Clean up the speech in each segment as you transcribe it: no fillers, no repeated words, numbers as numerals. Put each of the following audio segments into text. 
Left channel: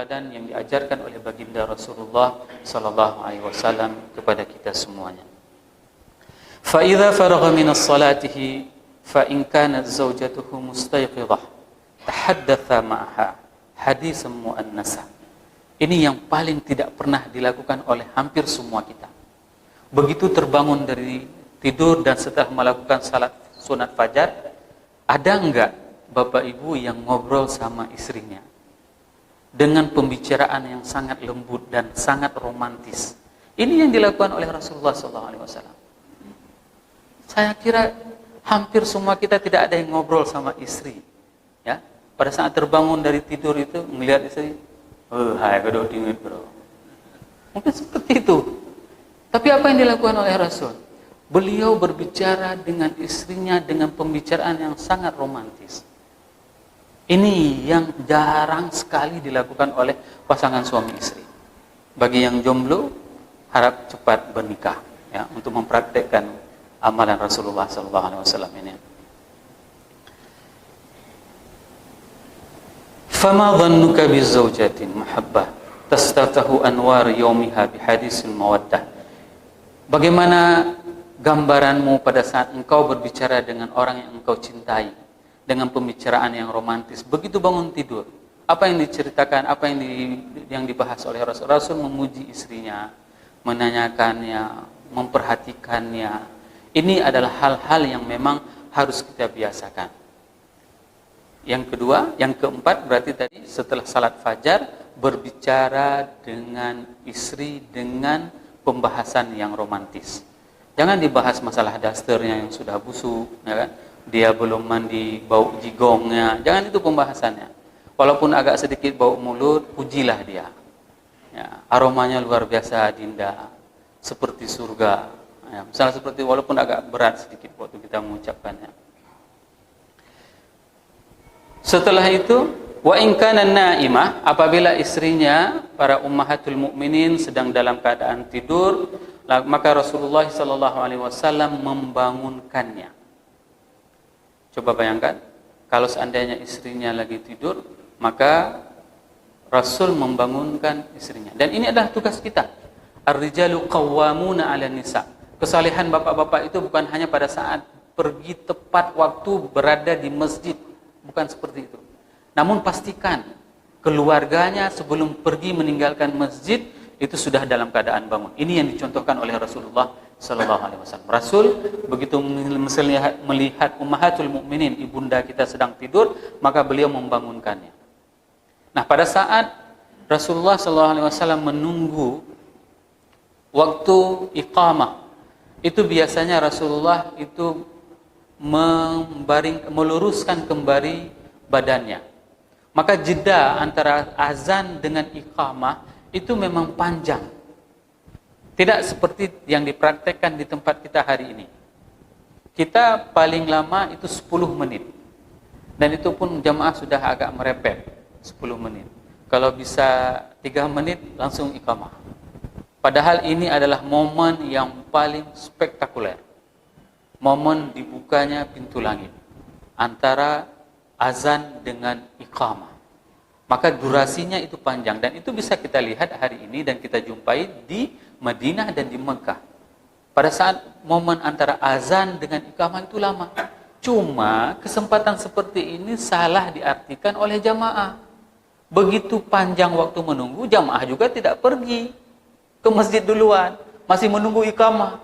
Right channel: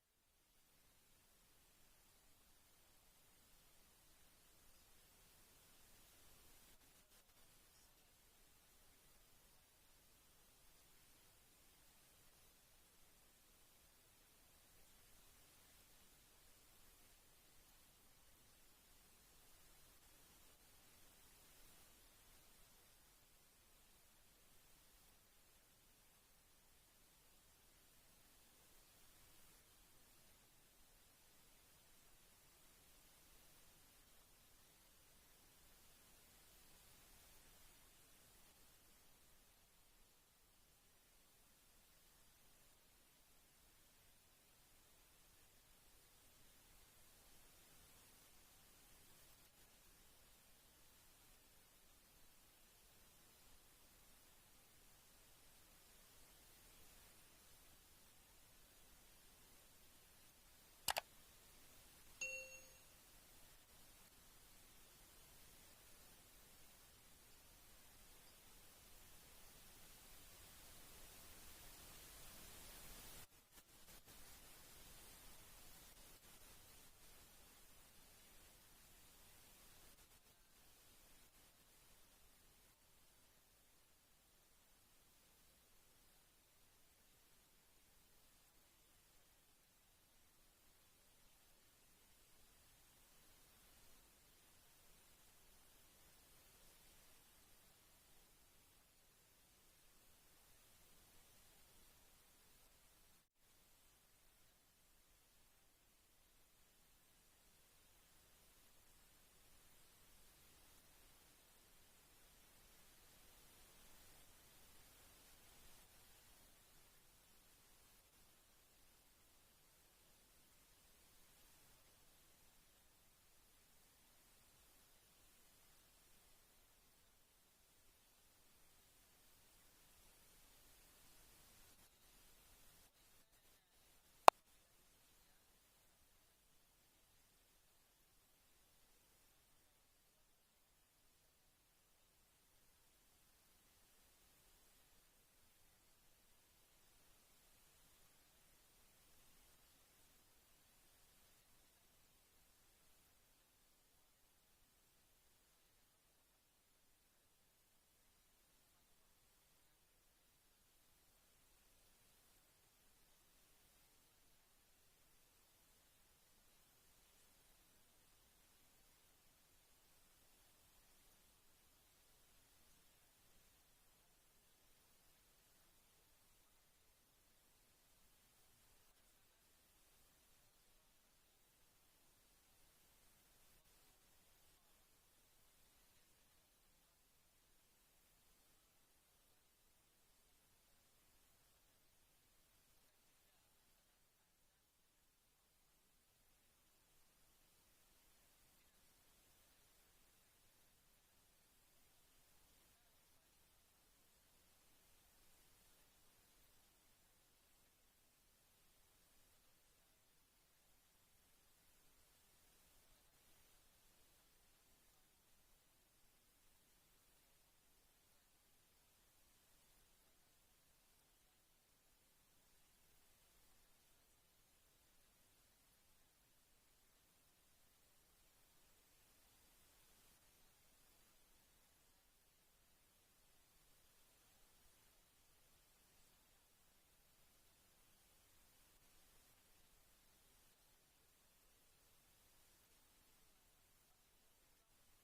tauladan yang diajarkan oleh baginda Rasulullah sallallahu alaihi wasallam kepada kita semuanya. Fa idza faragha min as-salatihi fa in kanat zawjatuhu mustayqidah tahaddatha ma'aha hadisan muannasa. Ini yang paling tidak pernah dilakukan oleh hampir semua kita. Begitu terbangun dari tidur dan setelah melakukan salat sunat fajar, ada enggak bapak ibu yang ngobrol sama istrinya dengan pembicaraan yang sangat lembut dan sangat romantis? Ini yang dilakukan oleh Rasulullah SAW. Saya kira hampir semua kita tidak ada yang ngobrol sama istri. Ya, pada saat terbangun dari tidur itu melihat istri, hai kedok dingin bro. Mungkin seperti itu. Tapi apa yang dilakukan oleh Rasul? Beliau berbicara dengan istrinya dengan pembicaraan yang sangat romantis. Ini yang jarang sekali dilakukan oleh pasangan suami istri. Bagi yang jomblo, harap cepat bernikah, ya, untuk mempraktekkan amalan Rasulullah SAW ini. Fama dhannuka bizawjatin mahabbah tastaftahu anwar yawmiha bihadisil mawaddah. Bagaimana gambaranmu pada saat engkau berbicara dengan orang yang engkau cintai dengan pembicaraan yang romantis? Begitu bangun tidur, apa yang diceritakan, apa yang dibahas oleh Rasul? Rasul memuji istrinya, menanyakannya, memperhatikannya. Ini adalah hal-hal yang memang harus kita biasakan. Yang kedua, yang keempat berarti tadi setelah salat fajar berbicara dengan istri dengan pembahasan yang romantis. Jangan dibahas masalah dasternya yang sudah busuk, ya kan? Dia belum mandi, bau jigongnya. Jangan itu pembahasannya. Walaupun agak sedikit bau mulut, pujilah dia. Ya, aromanya luar biasa, Dinda, seperti surga. Ya, misalnya seperti, walaupun agak berat sedikit waktu kita mengucapkannya. Setelah itu, wa in kana naimah, apabila istrinya para ummahatul mukminin sedang dalam keadaan tidur, maka Rasulullah SAW membangunkannya. Coba bayangkan, kalau seandainya istrinya lagi tidur, maka Rasul membangunkan istrinya. Dan ini adalah tugas kita. Ar-rijalu qawwamuna 'alan nisa. Kesalehan bapak-bapak itu bukan hanya pada saat pergi tepat waktu berada di masjid, bukan seperti itu. Namun pastikan keluarganya sebelum pergi meninggalkan masjid itu sudah dalam keadaan bangun. Ini yang dicontohkan oleh Rasulullah sallallahu alaihi wasallam. Rasul begitu melihat ummahatul mukminin, ibunda kita sedang tidur, maka beliau membangunkannya. Nah, pada saat Rasulullah sallallahu alaihi wasallam menunggu waktu iqamah, itu biasanya Rasulullah itu meluruskan kembali badannya. Maka jeda antara azan dengan iqamah itu memang panjang. Tidak seperti yang dipraktekkan di tempat kita hari ini. Kita paling lama itu 10 menit. Dan itu pun jamaah sudah agak merepet, 10 menit. Kalau bisa 3 menit langsung iqamah. Padahal ini adalah momen yang paling spektakuler. Momen dibukanya pintu langit antara azan dengan iqamah. Maka durasinya itu panjang, dan itu bisa kita lihat hari ini dan kita jumpai di Madinah dan di Mekah. Pada saat momen antara azan dengan iqamah itu lama. Cuma kesempatan seperti ini salah diartikan oleh jamaah. Begitu panjang waktu menunggu, jamaah juga tidak pergi ke masjid duluan, masih menunggu iqamah.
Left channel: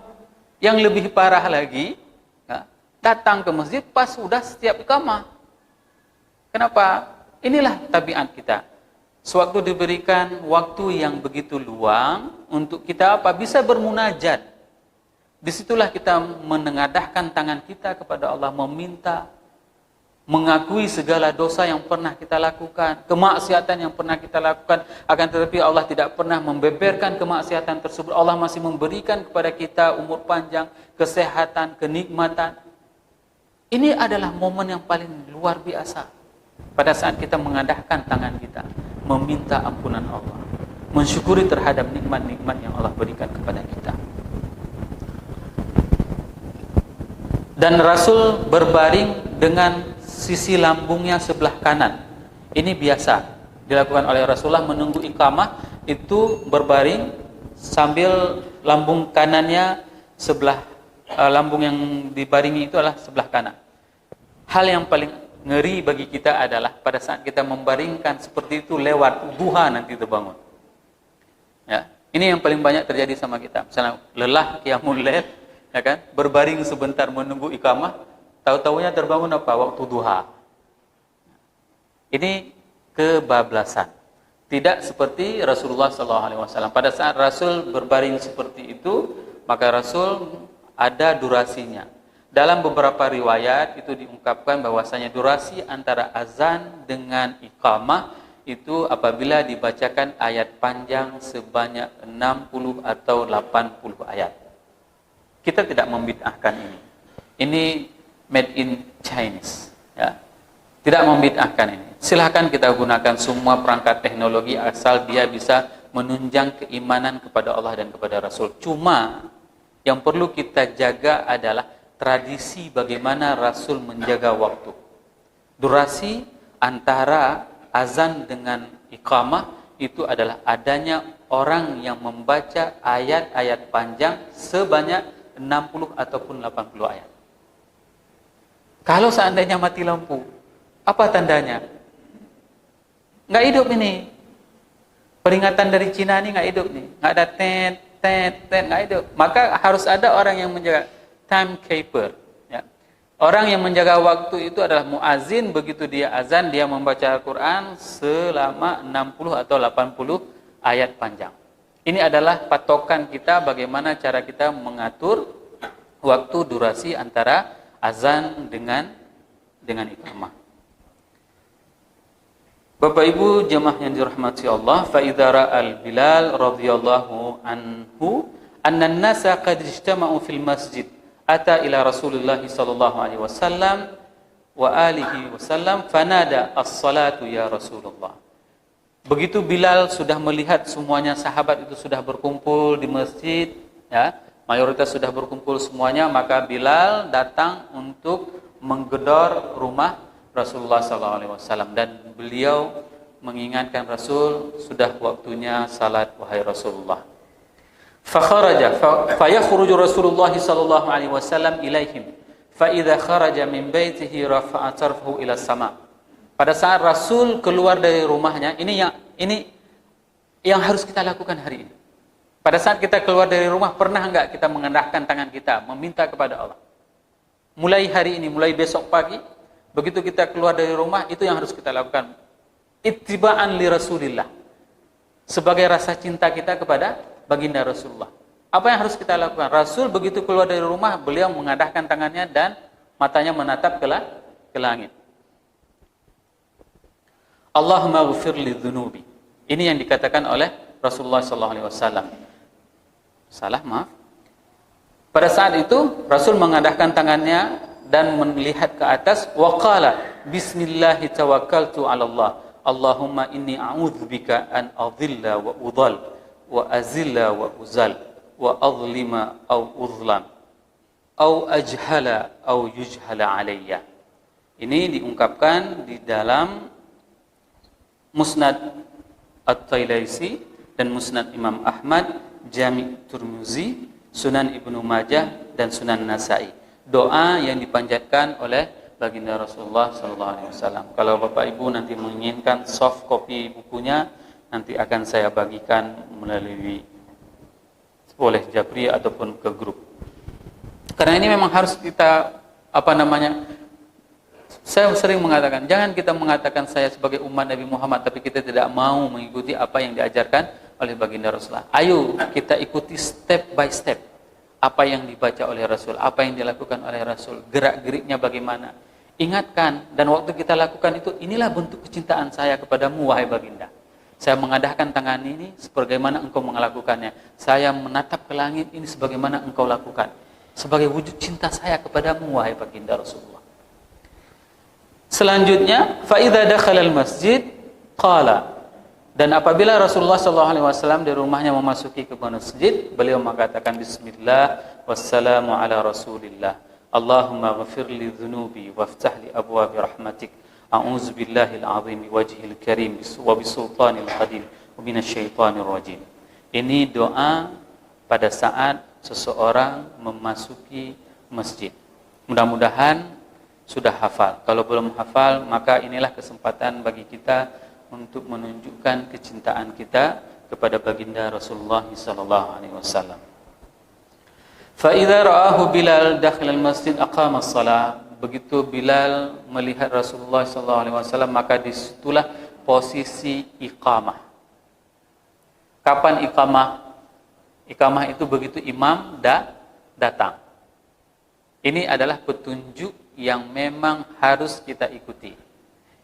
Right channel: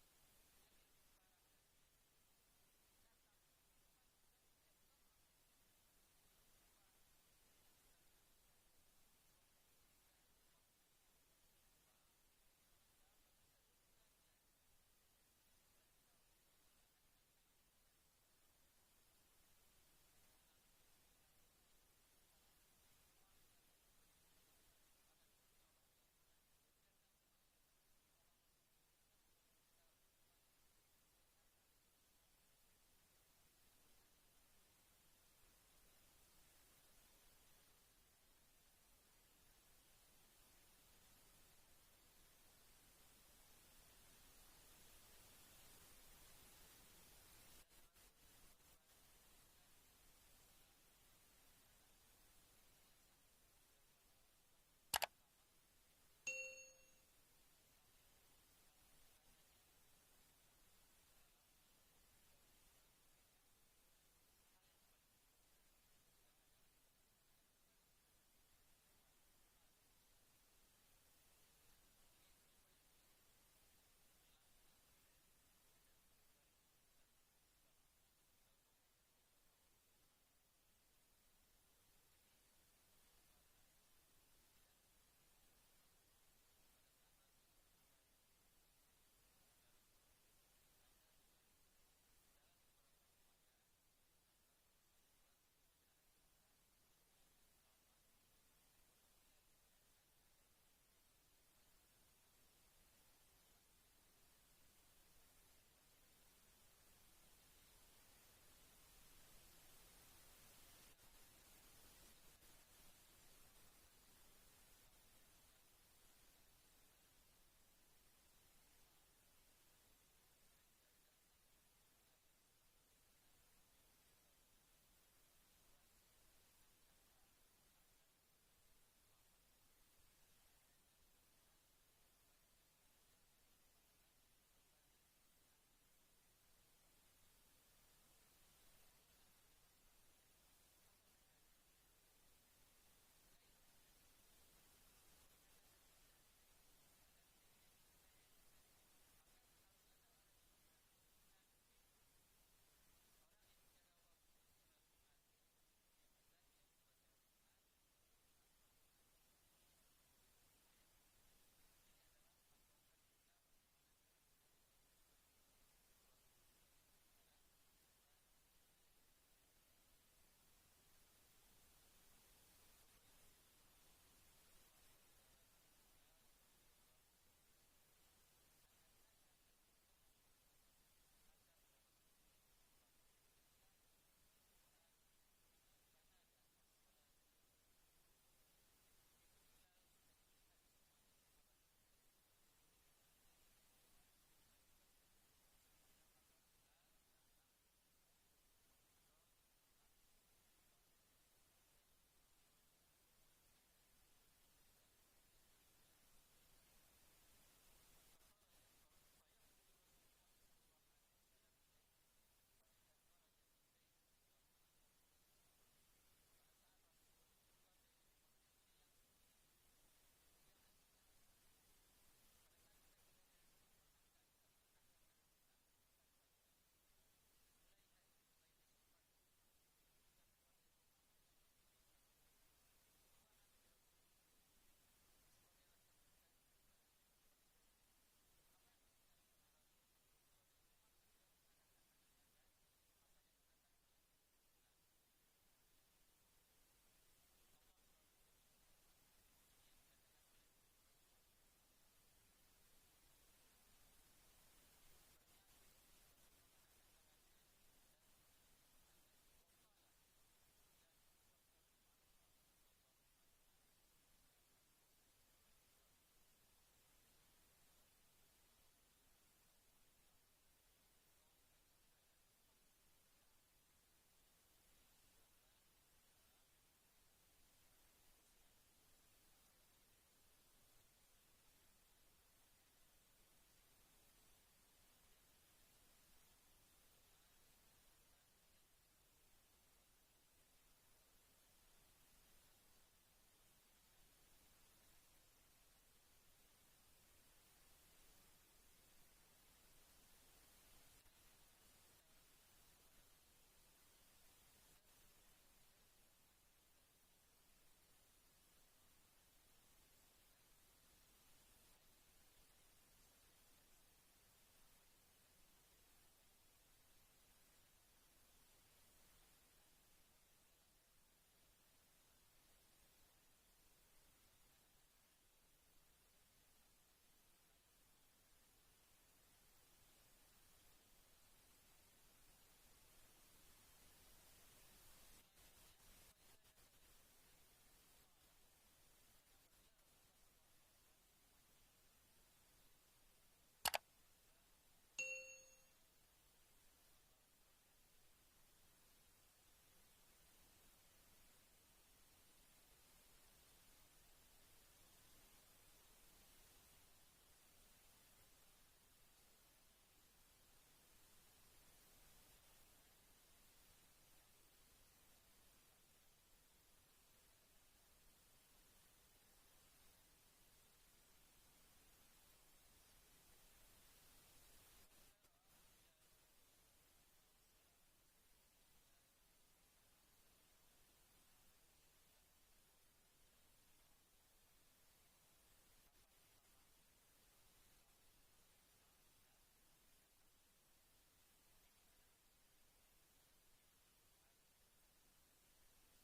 Yang lebih parah lagi, datang ke masjid pas sudah setiap iqamah. Kenapa? Inilah tabiat kita. Sewaktu diberikan waktu yang begitu luang untuk kita apa? Bisa bermunajat. Disitulah kita menengadahkan tangan kita kepada Allah, meminta, mengakui segala dosa yang pernah kita lakukan, kemaksiatan yang pernah kita lakukan, akan tetapi Allah tidak pernah membeberkan kemaksiatan tersebut. Allah masih memberikan kepada kita umur panjang, kesehatan, kenikmatan. Ini adalah momen yang paling luar biasa. Pada saat kita mengadahkan tangan kita, meminta ampunan Allah, mensyukuri terhadap nikmat-nikmat yang Allah berikan kepada kita. Dan Rasul berbaring dengan sisi lambungnya sebelah kanan. Ini biasa. dilakukan oleh Rasulullah menunggu iqamah itu berbaring sambil lambung kanannya sebelah lambung yang dibaringi itu adalah sebelah kanan. Hal yang paling ngeri bagi kita adalah pada saat kita membaringkan seperti itu lewat duha nanti terbangun. Ya, ini yang paling banyak terjadi sama kita. Misalnya lelah qiyamul lail, ya kan? Berbaring sebentar menunggu iqamah, tahu-tahunya terbangun apa? Waktu duha. Ini kebablasan. Tidak seperti Rasulullah SAW. Pada saat Rasul berbaring seperti itu, maka Rasul ada durasinya. Dalam beberapa riwayat itu diungkapkan bahwasanya durasi antara azan dengan iqamah itu apabila dibacakan ayat panjang sebanyak 60 atau 80 ayat. Kita tidak membid'ahkan ini. Ini made in Chinese, ya. Tidak membid'ahkan ini. Silakan kita gunakan semua perangkat teknologi asal dia bisa menunjang keimanan kepada Allah dan kepada Rasul. Cuma yang perlu kita jaga adalah tradisi bagaimana Rasul menjaga waktu. Durasi antara azan dengan iqamah itu adalah adanya orang yang membaca ayat-ayat panjang sebanyak 60 ataupun 80 ayat. Kalau seandainya mati lampu, apa tandanya? Nggak hidup ini. Peringatan dari Cina ini nggak hidup nih. Nggak ada tet, nggak hidup. Maka harus ada orang yang menjaga, timekeeper. Ya. Orang yang menjaga waktu itu adalah muazin. Begitu dia azan, dia membaca Al-Quran selama 60 atau 80 ayat panjang. Ini adalah patokan kita bagaimana cara kita mengatur waktu durasi antara azan dengan iqamah. Bapak Ibu jemaah yang dirahmati Allah, fa idza ra'al Bilal radhiyallahu anhu anna an-nasa qad ijtama'u fil masjid ata ila Rasulillah sallallahu alaihi wasallam wa alihi wasallam fanada as-salatu ya Rasulullah. Begitu Bilal sudah melihat semuanya sahabat itu sudah berkumpul di masjid, ya, mayoritas sudah berkumpul semuanya, maka Bilal datang untuk menggedor rumah Rasulullah SAW dan beliau mengingatkan Rasul sudah waktunya salat wahai Rasulullah. Fakharaja fayakhruju Rasulullah sallallahu alaihi wasallam ilaihim fa idza kharaja min baitihi rafa'a tarfahu ila sama. Pada saat Rasul keluar dari rumahnya, ini yang harus kita lakukan hari ini. Pada saat kita keluar dari rumah, pernah enggak kita mengendahkan tangan kita meminta kepada Allah? Mulai hari ini, mulai besok pagi, begitu kita keluar dari rumah, itu yang harus kita lakukan. Ittiba'an li Rasulillah. Sebagai rasa cinta kita kepada baginda Rasulullah. Apa yang harus kita lakukan? Rasul begitu keluar dari rumah, beliau mengadahkan tangannya dan matanya menatap ke langit. Allahumma ghfir li dhunubi. Ini yang dikatakan oleh Rasulullah SAW. Salah, maaf. Pada saat itu, Rasul mengadahkan tangannya dan melihat ke atas, waqala bismillahi tawakkaltu 'ala Allah. Allahumma inni a'udzubika an adhilla wa udhal wa azilla wa uzal wa adlima aw uzlam aw ajhala aw yujhala alayya. Ini diungkapkan di dalam Musnad At-Tayalisi dan Musnad Imam Ahmad, Jami' Tirmizi, Sunan Ibnu Majah dan Sunan Nasa'i. Doa yang dipanjatkan oleh baginda Rasulullah SAW. Kalau Bapak Ibu nanti menginginkan soft copy bukunya, nanti akan saya bagikan melalui oleh Japri ataupun ke grup. Karena ini memang harus kita saya sering mengatakan, jangan kita mengatakan saya sebagai umat Nabi Muhammad tapi kita tidak mau mengikuti apa yang diajarkan oleh baginda Rasulullah. Ayo kita ikuti step by step. Apa yang dibaca oleh Rasul, apa yang dilakukan oleh Rasul, gerak-geriknya bagaimana. Ingatkan, dan waktu kita lakukan itu, inilah bentuk kecintaan saya kepadamu, wahai baginda. Saya mengadahkan tangan ini sebagaimana engkau melakukannya. Saya menatap ke langit ini sebagaimana engkau lakukan. Sebagai wujud cinta saya kepadamu, wahai baginda Rasulullah. Selanjutnya, فَإِذَا دَخَلَ الْمَسْجِدِ قَالَ. Dan apabila Rasulullah SAW dari rumahnya memasuki ke masjid, beliau mengatakan Bismillah wassalamu ala Rasulillah. Allahumma ghafir li dhunubi waftah li abwabi rahmatik. A'udzubillahil azim wajhil karim wa bisultanil qadim wa minasyaitonir rajim. Ini doa pada saat seseorang memasuki masjid. Mudah-mudahan sudah hafal. Kalau belum hafal, maka inilah kesempatan bagi kita untuk menunjukkan kecintaan kita kepada baginda Rasulullah sallallahu alaihi wasallam. Fa idza ra'ahu Bilal dakhil al-masjid aqama as-shalah. Begitu Bilal melihat Rasulullah sallallahu alaihi wasallam, maka disitulah posisi iqamah. Kapan iqamah? Iqamah itu begitu imam datang. Ini adalah petunjuk yang memang harus kita ikuti.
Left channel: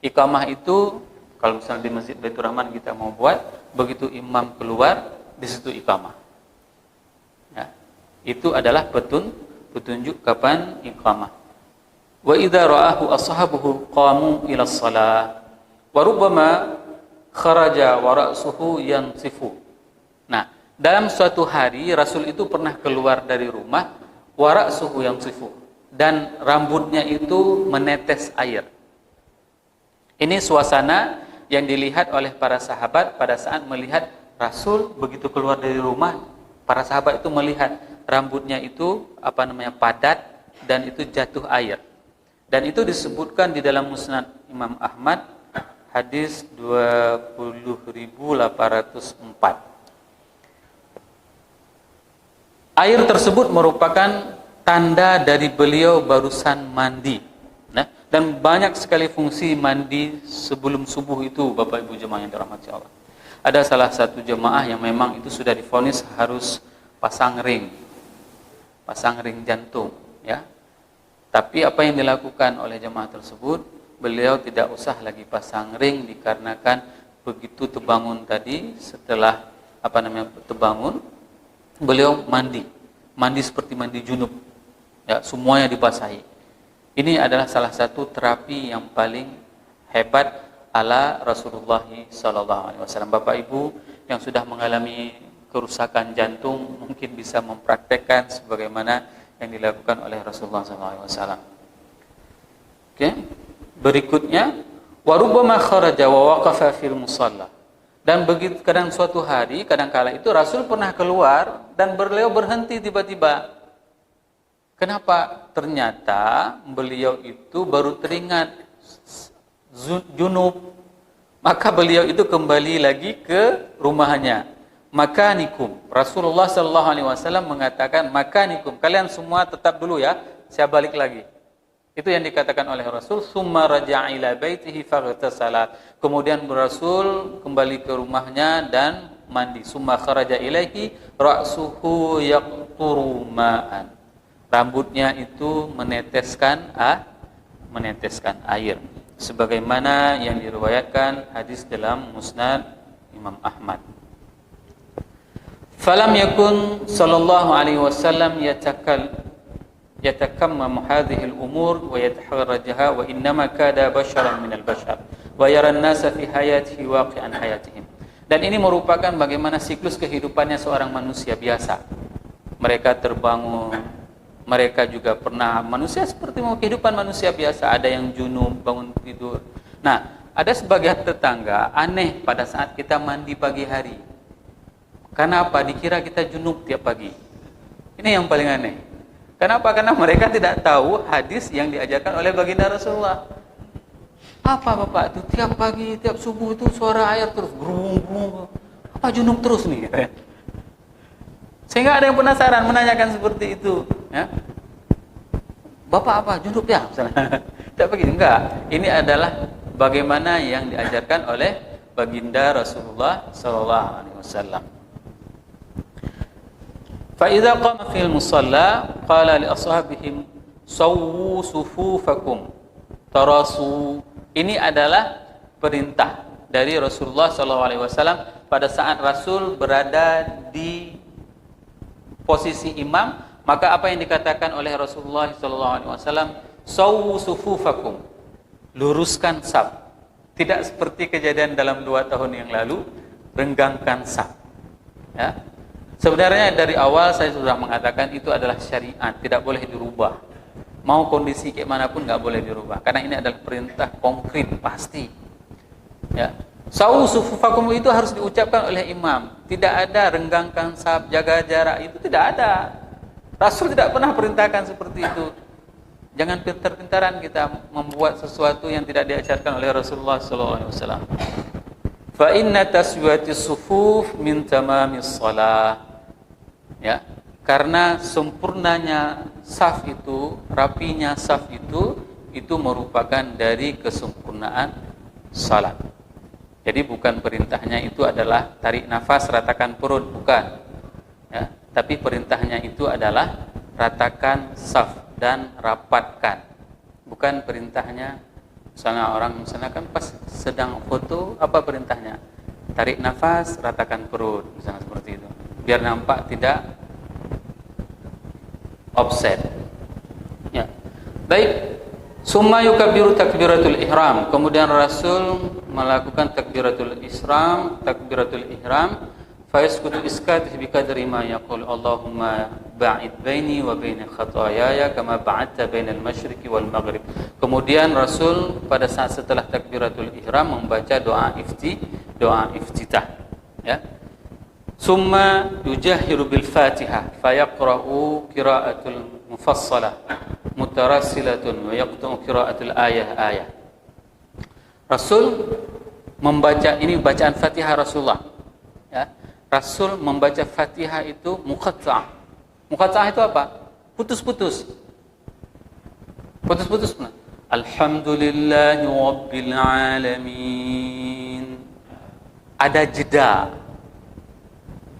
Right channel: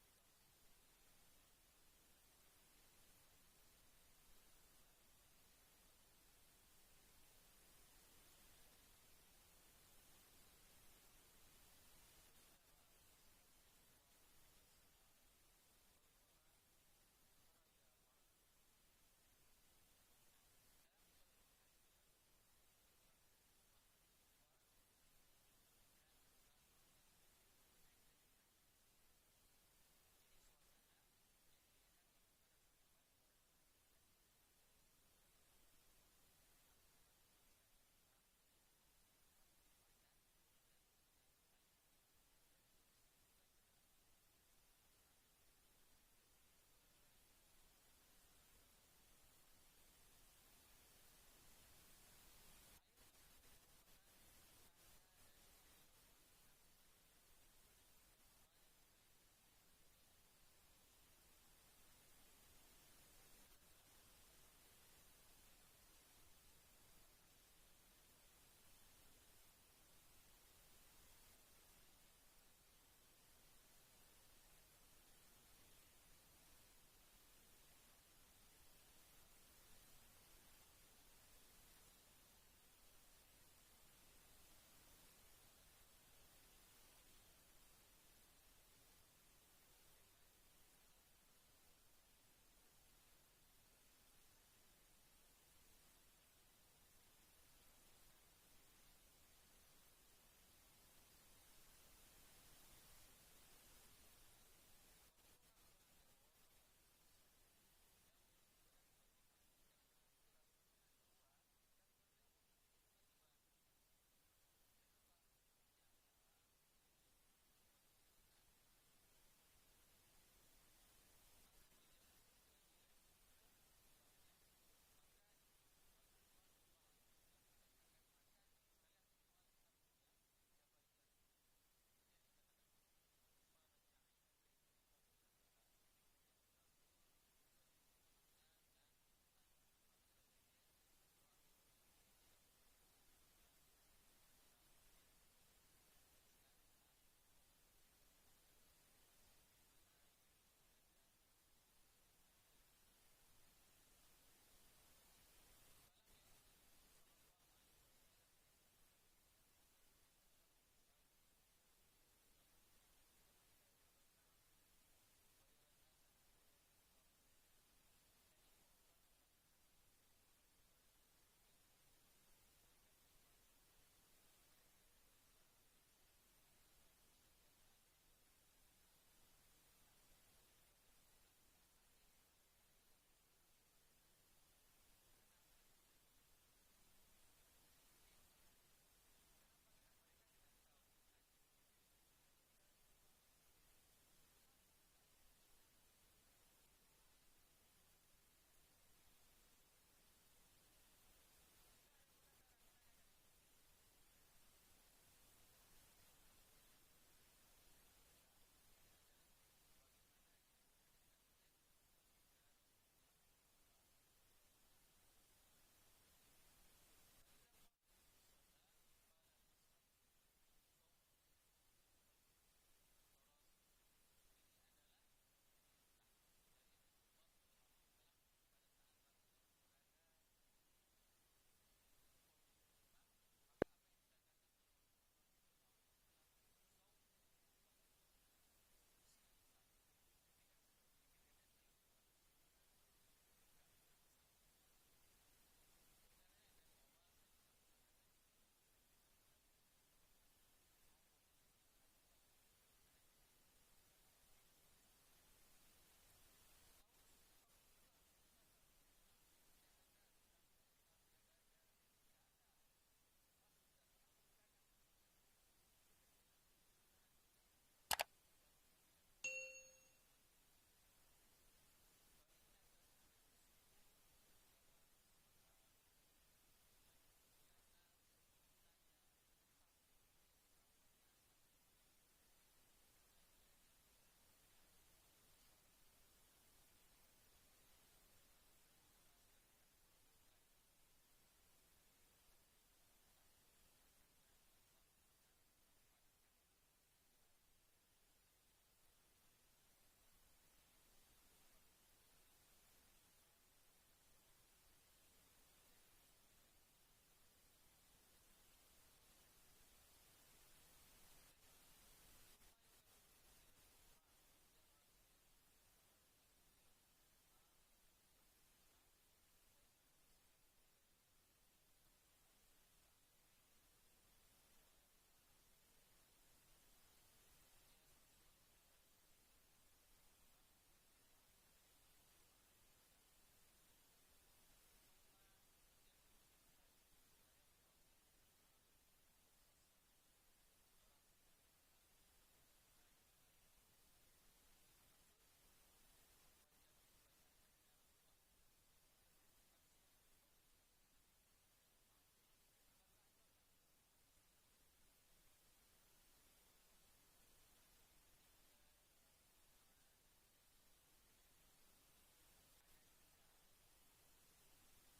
Iqamah itu kalau misalnya di Masjid Baitur Rahman kita mau buat, begitu imam keluar, di situ iqamah. Ya. Itu adalah petunjuk kapan iqamah. Wa idza ra'ahu ashabuhu qamu ila shalah wa rubbama kharaja wa ra'suhu yansifu. Nah, dalam suatu hari Rasul itu pernah keluar dari rumah wa ra'suhu yansifu, dan rambutnya itu menetes air. Ini suasana yang dilihat oleh para sahabat pada saat melihat Rasul begitu keluar dari rumah. Para sahabat itu melihat rambutnya itu padat dan itu jatuh air. Dan itu disebutkan di dalam Musnad Imam Ahmad hadis 20.804. Air tersebut merupakan tanda dari beliau barusan mandi. Nah, dan banyak sekali fungsi mandi sebelum subuh itu, Bapak Ibu jemaah yang dirahmati Allah. Ada salah satu jemaah yang memang itu sudah divonis harus pasang ring jantung, ya. Tapi apa yang dilakukan oleh jemaah tersebut, beliau tidak usah lagi pasang ring dikarenakan begitu terbangun tadi, setelah terbangun, beliau mandi seperti mandi junub. Ya, semuanya dibasahi. Ini adalah salah satu terapi yang paling hebat ala Rasulullah sallallahu alaihi wasallam. Bapak Ibu yang sudah mengalami kerusakan jantung mungkin bisa mempraktekkan sebagaimana yang dilakukan oleh Rasulullah sallallahu alaihi wasallam. Oke. Berikutnya, wa rubbama kharaja wa waqafa fil musalla. Dan begitu suatu hari, kadangkala itu Rasul pernah keluar dan beliau berhenti tiba-tiba. Kenapa? Ternyata beliau itu baru teringat junub. Maka beliau itu kembali lagi ke rumahnya. Makanikum. Rasulullah sallallahu alaihi wasallam mengatakan, makanikum. Kalian semua tetap dulu ya, saya balik lagi. Itu yang dikatakan oleh Rasul. Summa raja'a ila baitihi faghtasala. Kemudian Rasul kembali ke rumahnya dan mandi. Summa kharaja ilaihi ra'suhu yaqturu ma'an. Rambutnya itu meneteskan air, sebagaimana yang diriwayatkan hadis dalam Musnad Imam Ahmad. Falam yakun sallallahu alaihi wasallam yatakammamu hadhihi al-umur wa yataharrajaha, wa innama kada basharan min al-bashar wa yara an-nasa fi hayatihi waqi'an hayatihim. Dan ini merupakan bagaimana siklus kehidupannya seorang manusia biasa. Mereka terbangun, mereka juga pernah manusia seperti kehidupan manusia biasa. Ada yang junub, bangun tidur. Nah, ada sebagian tetangga aneh pada saat kita mandi pagi hari. Kenapa? Dikira kita junub tiap pagi. Ini yang paling aneh. Kenapa? Karena mereka tidak tahu hadis yang diajarkan oleh baginda Rasulullah. Apa Bapak itu tiap pagi, tiap subuh itu suara air terus gerung-gerung. Apa junub terus nih? Sehingga ada yang penasaran menanyakan seperti itu, ya. Bapak apa? Junub ya? Tidak begitu, enggak. Ini adalah bagaimana yang diajarkan oleh baginda Rasulullah sallallahu alaihi wasallam. Fa idza qama fil musalla qala li ashabihim sawwu sufufakum tarasu. Ini adalah perintah dari Rasulullah sallallahu alaihi wasallam pada saat Rasul berada di posisi imam, maka apa yang dikatakan oleh Rasulullah SAW, sawwu sufufakum, luruskan saf. Tidak seperti kejadian dalam 2 tahun yang lalu, renggangkan saf. Ya. Sebenarnya dari awal saya sudah mengatakan itu adalah syariat, tidak boleh dirubah. Mau kondisi kayak manapun nggak boleh dirubah, karena ini adalah perintah konkret pasti. Ya, sawu sufufakum itu harus diucapkan oleh imam. Tidak ada renggangkan saf, jaga jarak, itu tidak ada. Rasul tidak pernah perintahkan seperti itu. Jangan pintar-pintaran kita membuat sesuatu yang tidak diajarkan oleh Rasulullah SAW. Fa inna taswiyatis sufuf min tamamis shalah. Ya, karena sempurnanya saf itu, rapinya saf itu merupakan dari kesempurnaan salat. Jadi bukan perintahnya itu adalah tarik nafas, ratakan perut, bukan. Ya, tapi perintahnya itu adalah ratakan saf dan rapatkan. Bukan perintahnya, misalnya orang kan pas sedang foto, apa perintahnya? Tarik nafas, ratakan perut, misalnya seperti itu. Biar nampak tidak offset. Ya. Baik. Summa yukabbiru takbiratul ihram. Kemudian Rasul melakukan takbiratul ihram. Fa yaskutu iskat bi qadri ma yaqul Allahumma ba'id baini wa baina khataayaya kama ba'adta bainal masyriqi wal maghrib. Kemudian Rasul pada saat setelah takbiratul ihram membaca doa iftitah. Ya. Summa yujahiru bil Fatihah fa yaqra'u qira'atul mufassalah mutarassilatun wa yaqta'u qira'atul ayah. Rasul membaca, ini bacaan Fatihah Rasulullah. Ya. Rasul membaca Fatihah itu muqatta'. Muqatta' itu apa? Putus-putus. Putus-putus. Alhamdulillahi rabbil alamin. Ada jeda.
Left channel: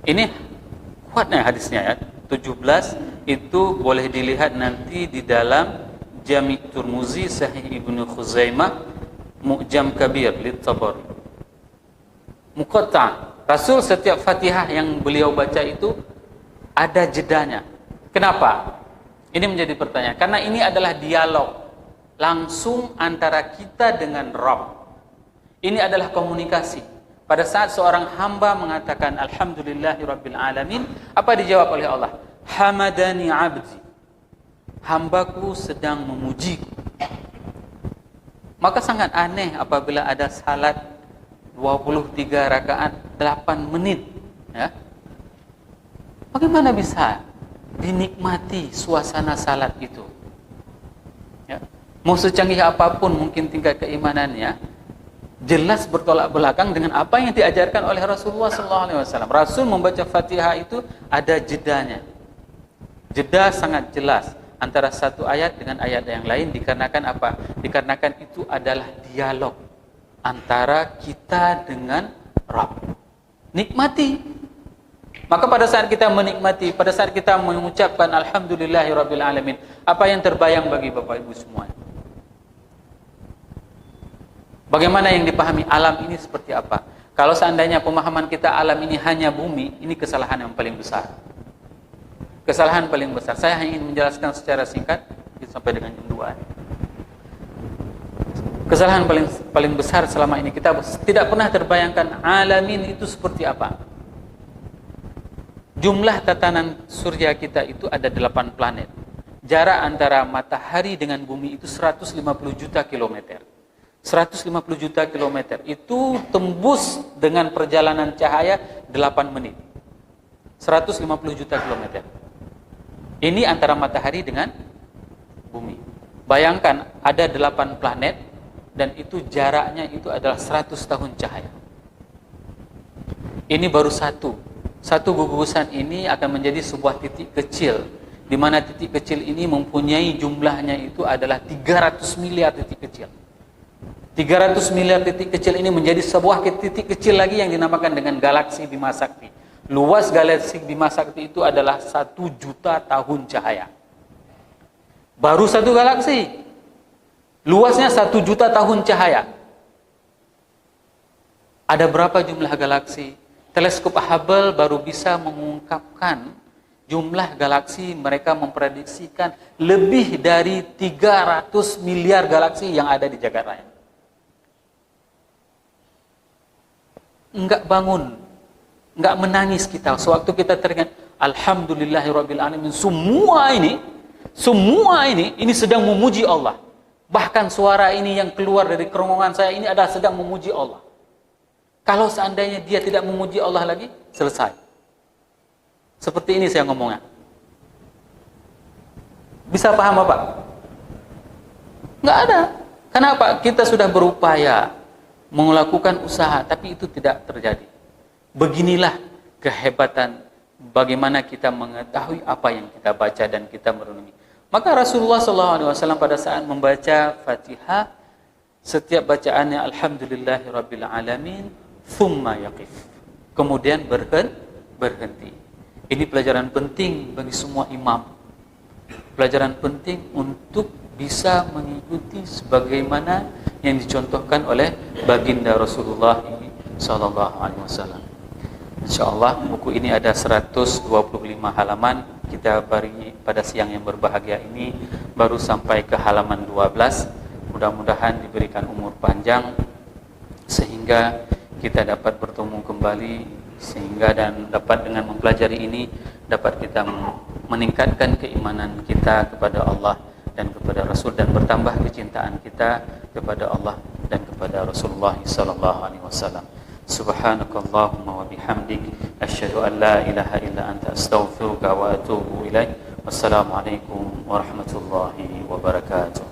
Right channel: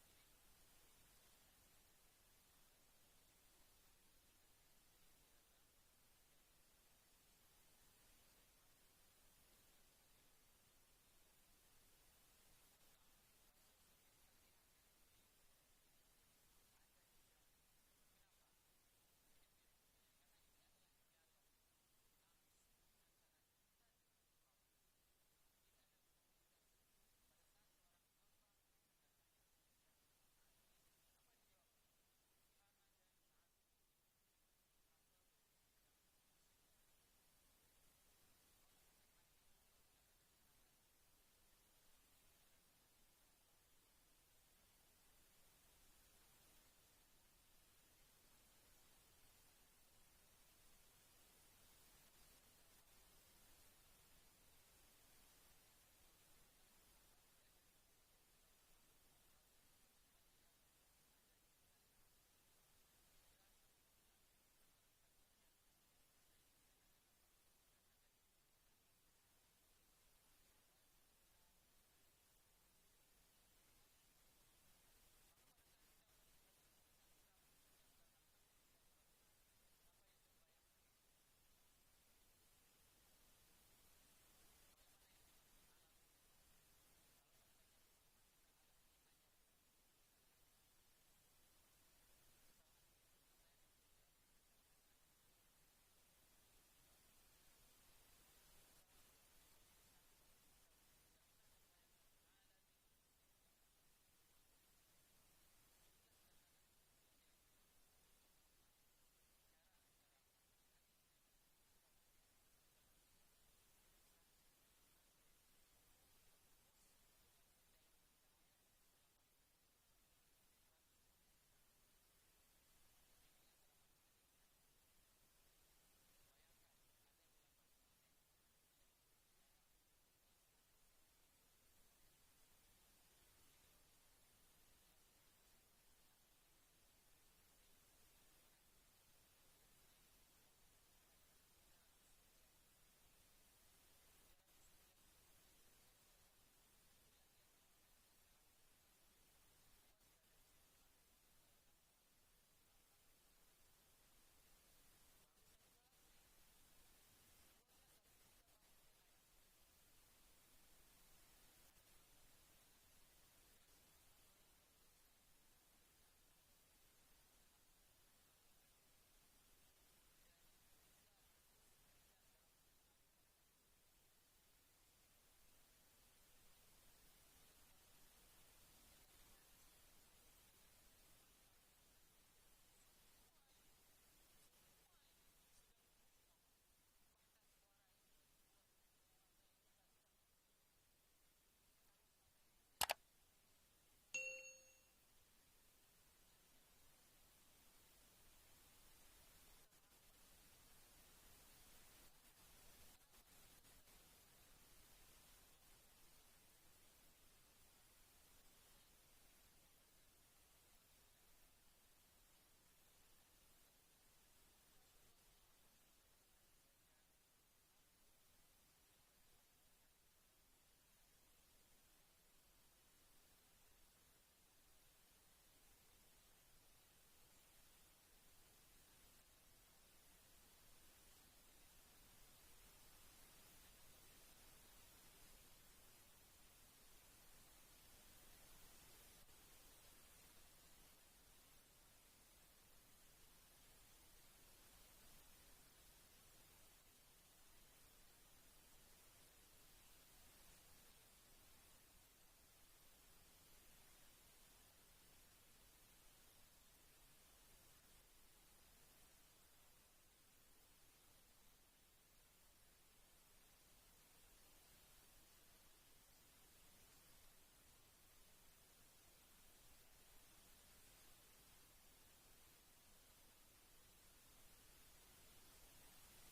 Ini kuatnya hadisnya ya. 17 itu boleh dilihat nanti di dalam Jami' Turmuzi, Sahih Ibnu Khuzaimah, Mu'jam Kabir Lit-Tabari. Muqatta'. Rasul setiap Fatihah yang beliau baca itu ada jedanya. Kenapa? Ini menjadi pertanyaan. Karena ini adalah dialog langsung antara kita dengan Rabb. Ini adalah komunikasi. Pada saat seorang hamba mengatakan Alhamdulillahi Rabbil Alamin, apa dijawab oleh Allah? Hamadani abdi. Hambaku sedang memujiku. Maka sangat aneh apabila ada salat 23 rakaat 8 menit. Ya. Bagaimana bisa dinikmati suasana salat itu? Ya. Mau secanggih apapun mungkin tingkat keimanannya, jelas bertolak belakang dengan apa yang diajarkan oleh Rasulullah SAW. Rasul membaca Fatihah itu ada jedanya. Jeda sangat jelas antara satu ayat dengan ayat yang lain, dikarenakan apa? Dikarenakan itu adalah dialog antara kita dengan Rabb. Nikmati. Maka pada saat kita menikmati, pada saat kita mengucapkan Alhamdulillahi Rabbil Alamin, apa yang terbayang bagi Bapak Ibu semua? Bagaimana yang dipahami alam ini seperti apa? Kalau seandainya pemahaman kita alam ini hanya bumi, ini kesalahan yang paling besar. Kesalahan paling besar. Saya hanya ingin menjelaskan secara singkat sampai dengan jam 2. Kesalahan paling besar selama ini kita tidak pernah terbayangkan alamin itu seperti apa. Jumlah tatanan surya kita itu ada 8 planet. Jarak antara matahari dengan bumi itu 150 juta kilometer. 150 juta kilometer itu tembus dengan perjalanan cahaya 8 menit. 150 juta kilometer. Ini antara matahari dengan bumi. Bayangkan ada 8 planet dan itu jaraknya itu adalah 100 tahun cahaya. Ini baru satu. Satu gugusan ini akan menjadi sebuah titik kecil, di mana titik kecil ini mempunyai jumlahnya itu adalah 300 miliar titik kecil. 300 miliar titik kecil ini menjadi sebuah titik kecil lagi yang dinamakan dengan galaksi Bima Sakti. Luas galaksi Bima Sakti itu adalah 1 juta tahun cahaya. Baru satu galaksi. Luasnya 1 juta tahun cahaya. Ada berapa jumlah galaksi? Teleskop Hubble baru bisa mengungkapkan jumlah galaksi. Mereka memprediksikan lebih dari 300 miliar galaksi yang ada di jagat raya. Enggak bangun, enggak menangis kita sewaktu kita teringat Alhamdulillahirabbil alamin. Semua ini Semua ini sedang memuji Allah. Bahkan suara ini yang keluar dari kerongkongan saya ini adalah sedang memuji Allah. Kalau seandainya dia tidak memuji Allah lagi, selesai. Seperti ini saya ngomongnya. Bisa paham Bapak? Nggak ada. Kenapa? Kita sudah berupaya melakukan usaha, tapi itu tidak terjadi. Beginilah kehebatan bagaimana kita mengetahui apa yang kita baca dan kita merenungi. Maka Rasulullah SAW pada saat membaca Fatihah, setiap bacaannya Alhamdulillahirabbil alamin, thumma yaqif. Kemudian berhenti. Ini pelajaran penting bagi semua imam. Pelajaran penting untuk bisa mengikuti sebagaimana yang dicontohkan oleh baginda Rasulullah SAW. InsyaAllah buku ini ada 125 halaman. Kita pada siang yang berbahagia ini baru sampai ke halaman 12. Mudah-mudahan diberikan umur panjang sehingga kita dapat bertemu kembali, sehingga dan dapat dengan mempelajari ini dapat kita meningkatkan keimanan kita kepada Allah dan kepada Rasul, dan bertambah kecintaan kita kepada Allah dan kepada Rasulullah SAW. Subhanakallahumma wa bihamdik, asyhadu an la ilaha illa anta, astaghfiruka wa atubu ilaik. Wassalamualaikum warahmatullahi wabarakatuh.